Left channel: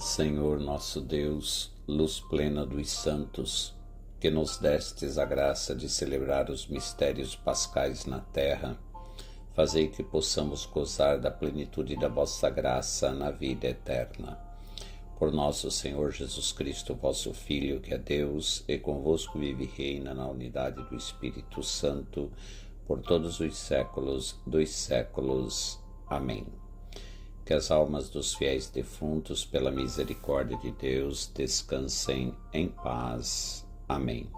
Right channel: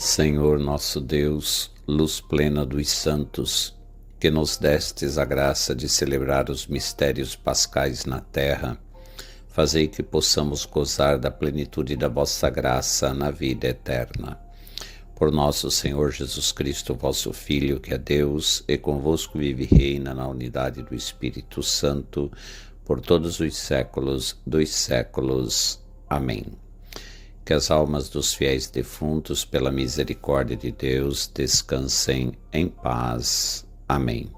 Senhor nosso Deus, luz plena dos santos, que nos destes a graça de celebrar os mistérios pascais na terra, fazei que possamos gozar da plenitude da vossa graça na vida eterna. Por nosso Senhor Jesus Cristo, vosso Filho, que é Deus, e convosco vive e reina na unidade do Espírito Santo, por todos os séculos dos séculos. Amém. Que as almas dos fiéis defuntos, pela misericórdia de Deus, descansem em paz. Amém.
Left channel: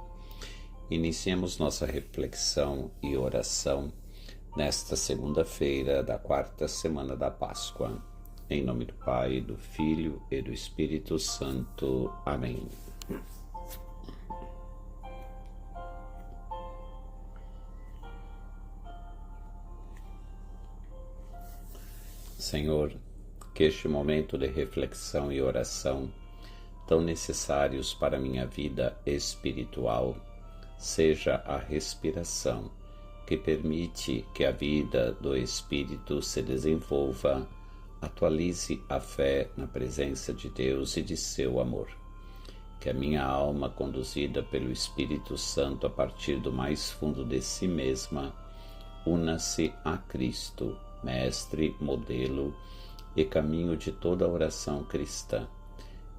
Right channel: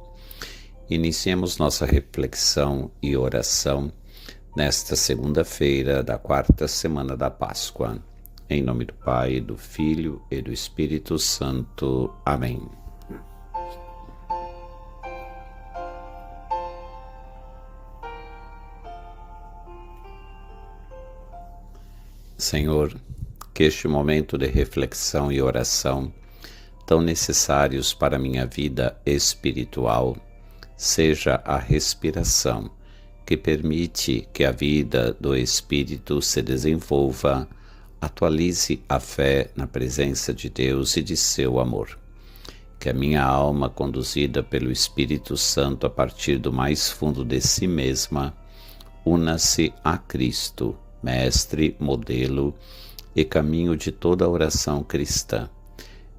Iniciemos nossa reflexão e oração nesta segunda-feira da quarta semana da Páscoa. Em nome do Pai, do Filho e do Espírito Santo. Amém. Senhor, que este momento de reflexão e oração, tão necessários para a minha vida espiritual, seja a respiração que permite que a vida do Espírito se desenvolva, atualize a fé na presença de Deus e de seu amor. Que a minha alma, conduzida pelo Espírito Santo a partir do mais fundo de si mesma, una-se a Cristo, Mestre, modelo e caminho de toda a oração cristã,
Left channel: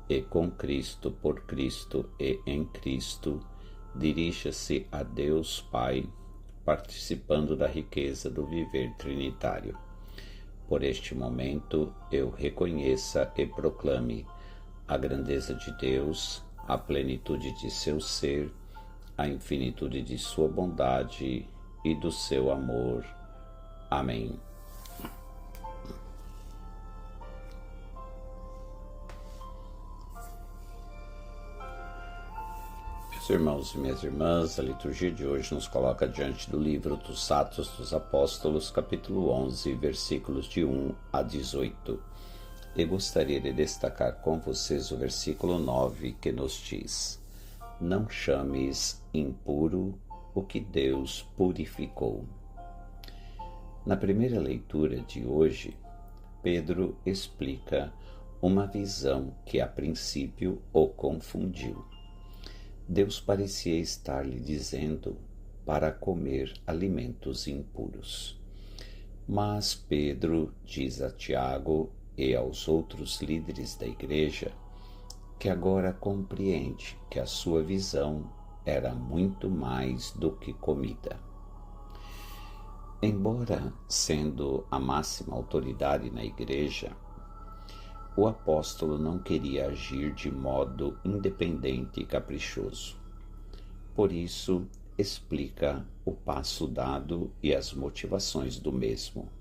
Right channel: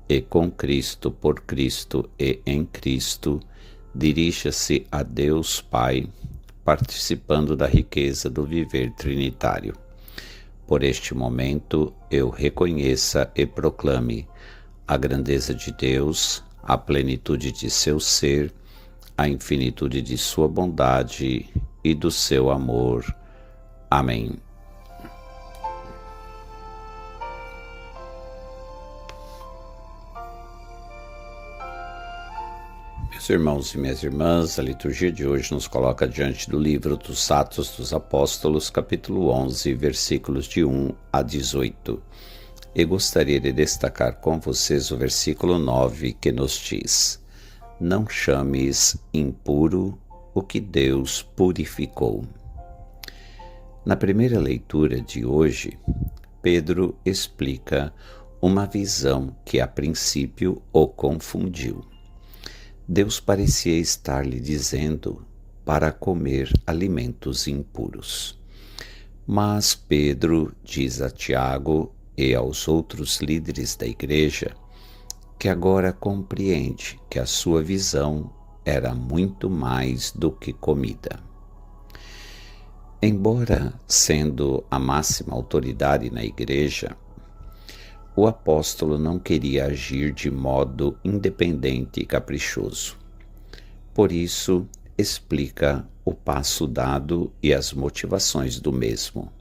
e com Cristo, por Cristo e em Cristo, dirija-se a Deus Pai, participando da riqueza do viver trinitário. Por este momento, eu reconheça e proclame a grandeza de Deus, a plenitude de seu ser, a infinitude de sua bondade e do seu amor. Amém. Meus irmãos e minhas irmãs, a liturgia de hoje nos coloca diante do livro dos Atos dos Apóstolos, capítulo 11, versículos de 1 a 18. E gostaria de destacar com vocês o versículo 9, que nos diz: Não chames impuro o que Deus purificou. Na primeira leitura de hoje, Pedro explica uma visão que a princípio o confundiu. Deus parecia estar lhe dizendo para comer alimentos impuros. Mas Pedro diz a Tiago e aos outros líderes da igreja que agora compreende que a sua visão era muito mais do que comida. Embora sendo a máxima autoridade na igreja, o apóstolo não queria agir de modo independente e caprichoso. Por isso, explica o passo dado e as motivações do mesmo.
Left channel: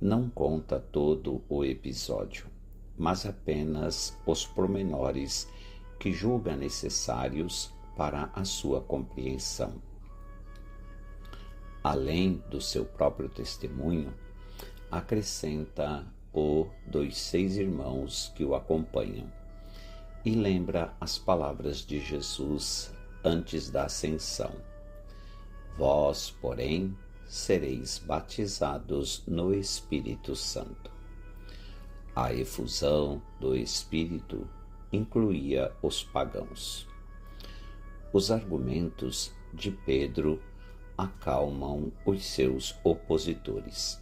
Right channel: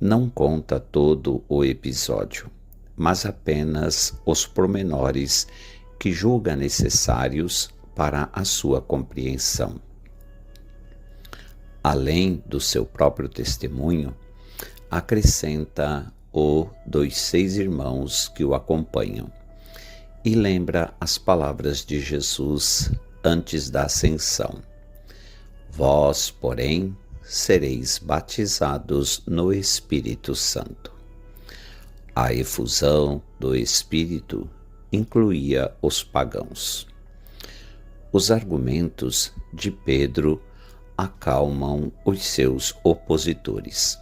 Não conta todo o episódio, mas apenas os pormenores que julga necessários para a sua compreensão. Além do seu próprio testemunho, acrescenta o dos 6 irmãos que o acompanham, e lembra as palavras de Jesus antes da ascensão: Vós, porém, sereis batizados no Espírito Santo. A efusão do Espírito incluía os pagãos. Os argumentos de Pedro acalmam os seus opositores.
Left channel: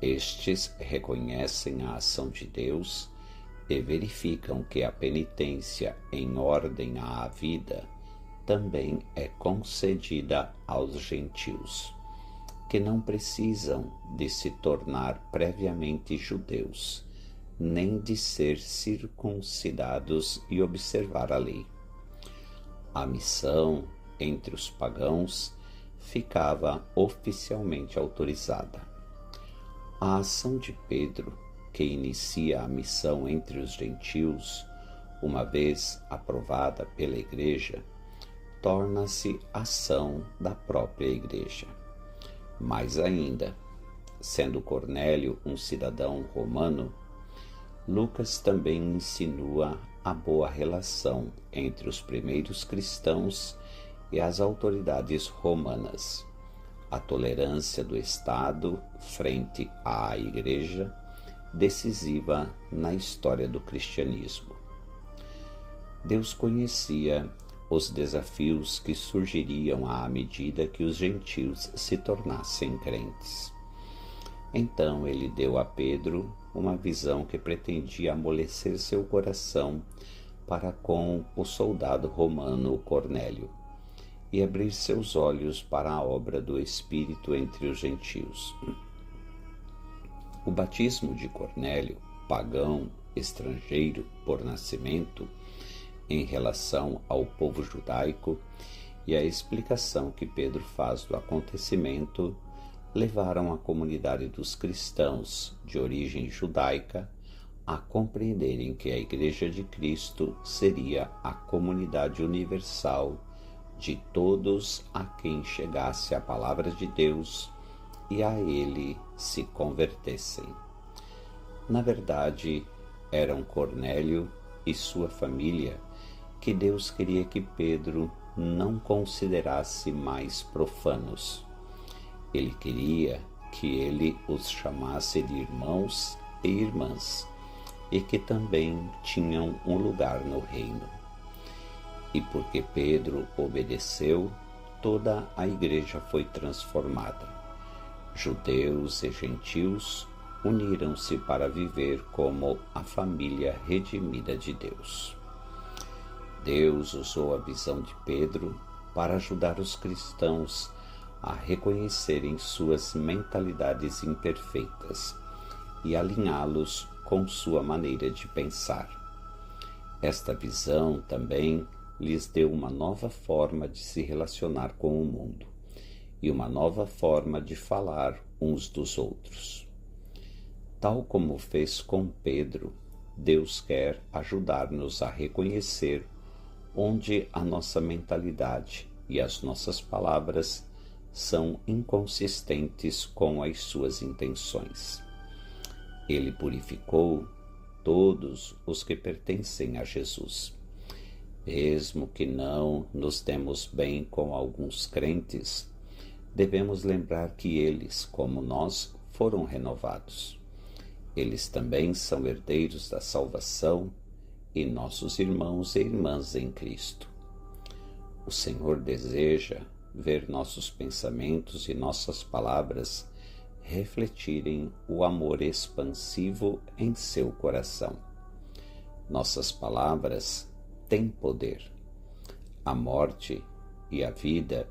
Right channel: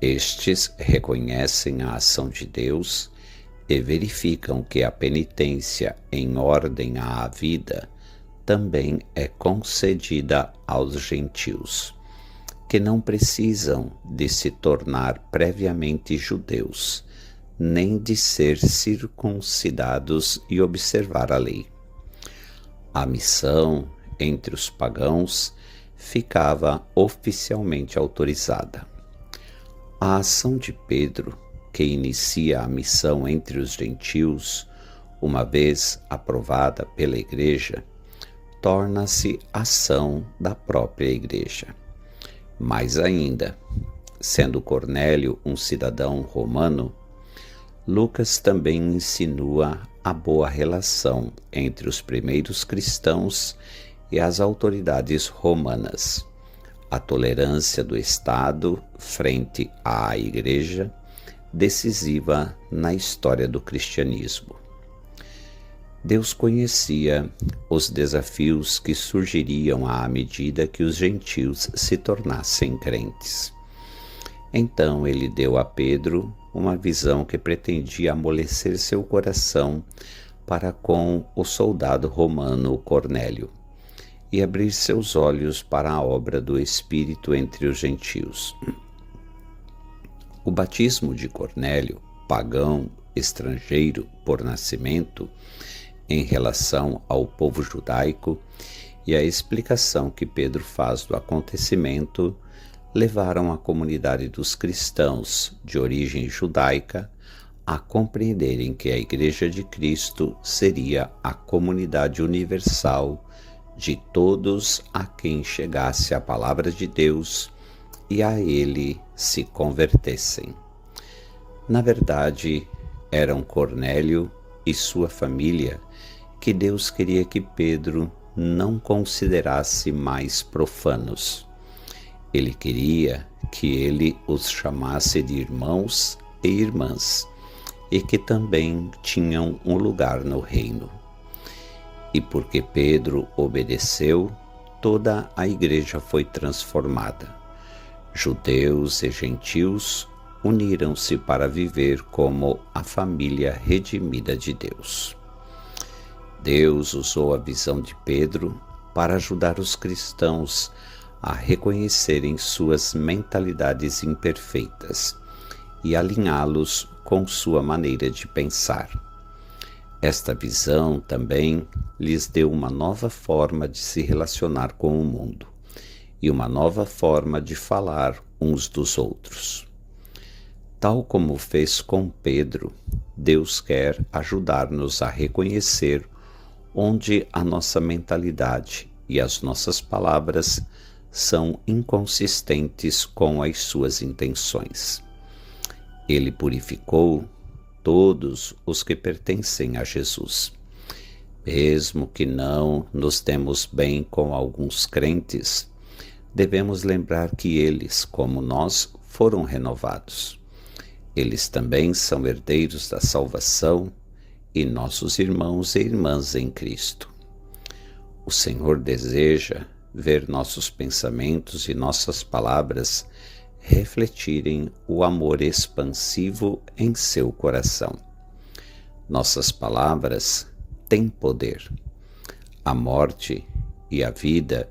Estes reconhecem a ação de Deus e verificam que a penitência em ordem à vida também é concedida aos gentios, que não precisam de se tornar previamente judeus, nem de ser circuncidados e observar a lei. A missão entre os pagãos ficava oficialmente autorizada. A ação de Pedro, que inicia a missão entre os gentios, uma vez aprovada pela Igreja, torna-se ação da própria Igreja. Mais ainda, sendo Cornélio um cidadão romano, Lucas também insinua a boa relação entre os primeiros cristãos e as autoridades romanas, a tolerância do Estado frente à Igreja, decisiva na história do cristianismo. Deus conhecia os desafios que surgiriam à medida que os gentios se tornassem crentes. Então ele deu a Pedro uma visão que pretendia amolecer seu coração para com o soldado romano Cornélio e abrir seus olhos para a obra do Espírito entre os gentios. O batismo de Cornélio, pagão, estrangeiro por nascimento, em relação ao povo judaico, e a explicação que Pedro faz do acontecimento levaram a comunidade dos cristãos de origem judaica a compreenderem que a Igreja de Cristo seria a comunidade universal de todos a quem chegasse a palavra de Deus e a ele se convertessem. Na verdade, eram Cornélio e sua família que Deus queria que Pedro não considerasse mais profanos. Ele queria que ele os chamasse de irmãos e irmãs, e que também tinham um lugar no reino. E porque Pedro obedeceu, toda a igreja foi transformada. Judeus e gentios uniram-se para viver como a família redimida de Deus. Deus usou a visão de Pedro para ajudar os cristãos a reconhecerem suas mentalidades imperfeitas e alinhá-los com sua maneira de pensar. Esta visão também lhes deu uma nova forma de se relacionar com o mundo e uma nova forma de falar uns dos outros. Tal como fez com Pedro, Deus quer ajudar-nos a reconhecer onde a nossa mentalidade e as nossas palavras são inconsistentes com as suas intenções. Ele purificou todos os que pertencem a Jesus. Mesmo que não nos demos bem com alguns crentes, devemos lembrar que eles, como nós, foram renovados. Eles também são herdeiros da salvação e nossos irmãos e irmãs em Cristo. O Senhor deseja ver nossos pensamentos e nossas palavras refletirem o amor expansivo em seu coração. Nossas palavras têm poder. A morte e a vida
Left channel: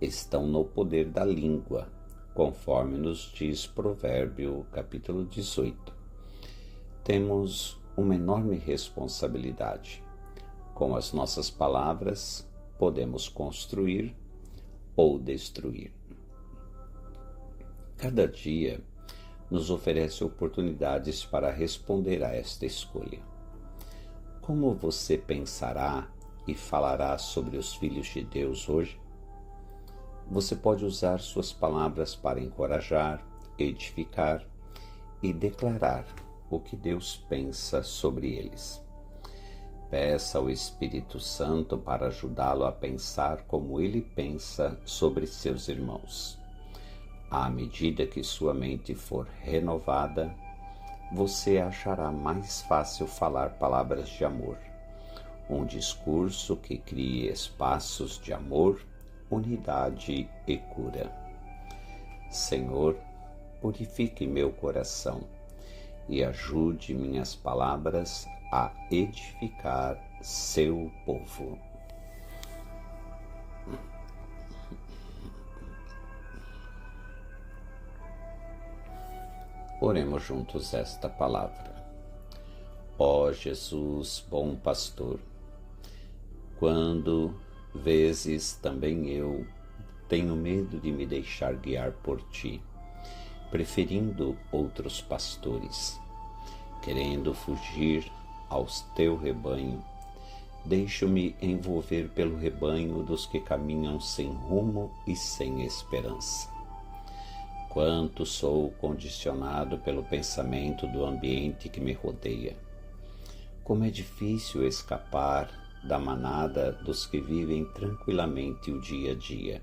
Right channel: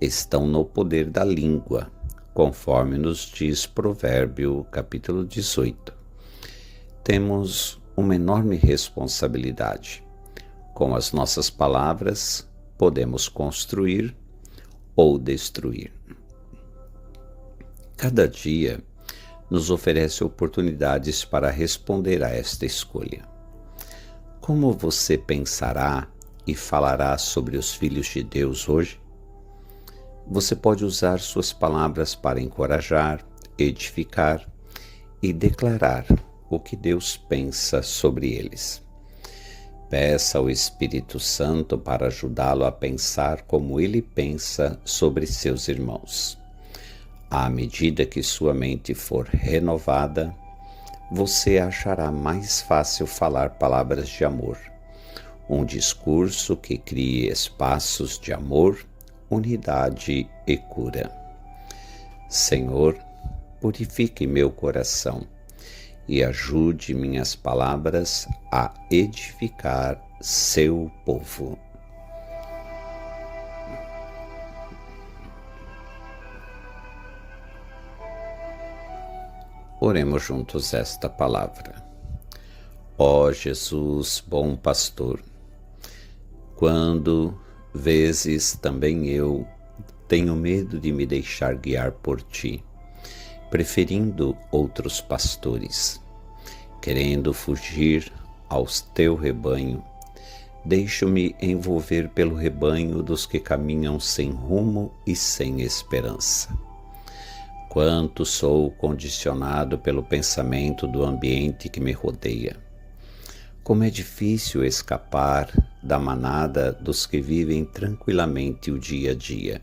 estão no poder da língua, conforme nos diz Provérbio capítulo 18. Temos uma enorme responsabilidade. Com as nossas palavras, podemos construir ou destruir. Cada dia nos oferece oportunidades para responder a esta escolha. Como você pensará e falará sobre os filhos de Deus hoje? Você pode usar suas palavras para encorajar, edificar e declarar o que Deus pensa sobre eles. Peça ao Espírito Santo para ajudá-lo a pensar como ele pensa sobre seus irmãos. À medida que sua mente for renovada, você achará mais fácil falar palavras de amor, um discurso que crie espaços de amor, unidade e cura. Senhor, purifique meu coração e ajude minhas palavras a edificar seu povo. Oremos juntos esta palavra. Ó Jesus, bom pastor, quando vezes também eu tenho medo de me deixar guiar por ti, preferindo outros pastores, querendo fugir ao teu rebanho, deixo-me envolver pelo rebanho dos que caminham sem rumo e sem esperança. Quanto sou condicionado pelo pensamento do ambiente que me rodeia. Como é difícil escapar da manada dos que vivem tranquilamente o dia a dia,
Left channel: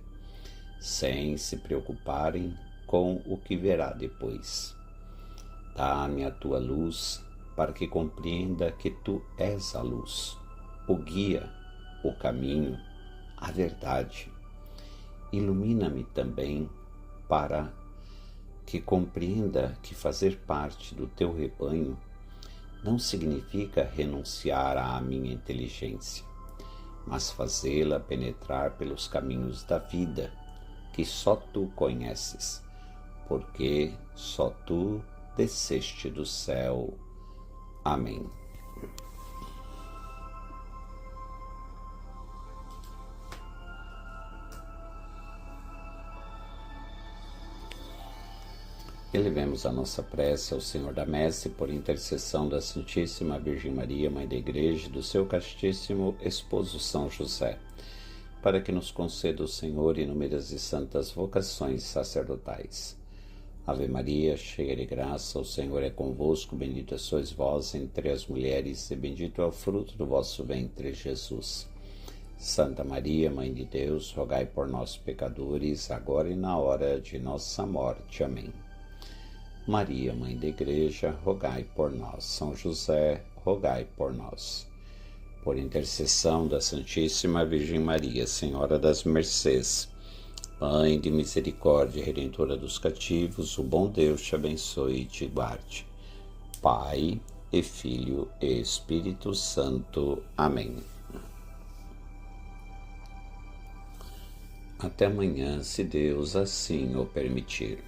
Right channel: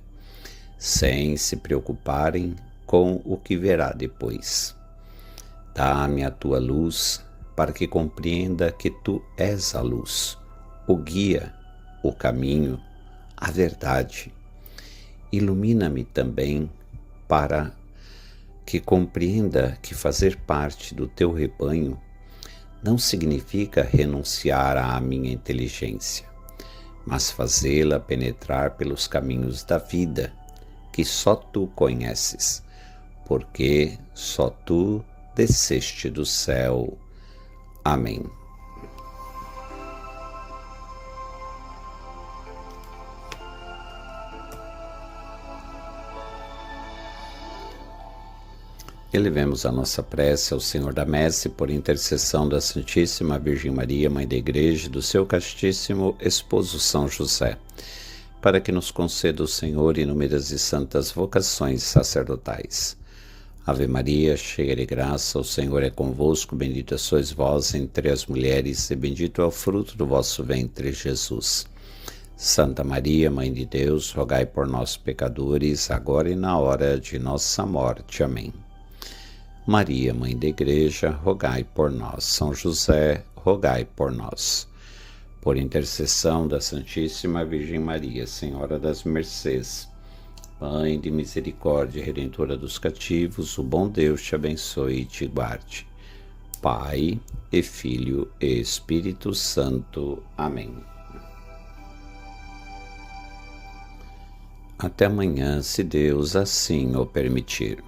sem se preocuparem com o que verá depois. Dá-me a tua luz para que compreenda que tu és a luz, o guia, o caminho, a verdade. Ilumina-me também para que compreenda que fazer parte do teu rebanho não significa renunciar à minha inteligência, mas fazê-la penetrar pelos caminhos da vida, que só tu conheces, porque só tu desceste do céu. Amém. Elevemos a nossa prece ao Senhor da Messe por intercessão da Santíssima Virgem Maria, Mãe da Igreja, e do seu castíssimo esposo São José, para que nos conceda o Senhor inúmeras e santas vocações sacerdotais. Ave Maria, cheia de graça, o Senhor é convosco, bendita sois vós entre as mulheres, e bendito é o fruto do vosso ventre, Jesus. Santa Maria, Mãe de Deus, rogai por nós, pecadores, agora e na hora de nossa morte. Amém. Maria, Mãe da Igreja, rogai por nós. São José, rogai por nós. Por intercessão da Santíssima Virgem Maria, Senhora das Mercês, Mãe de misericórdia, Redentora dos cativos, o bom Deus te abençoe e te guarde. Pai, e Filho, e Espírito Santo. Amém. Até amanhã, se Deus assim o permitir.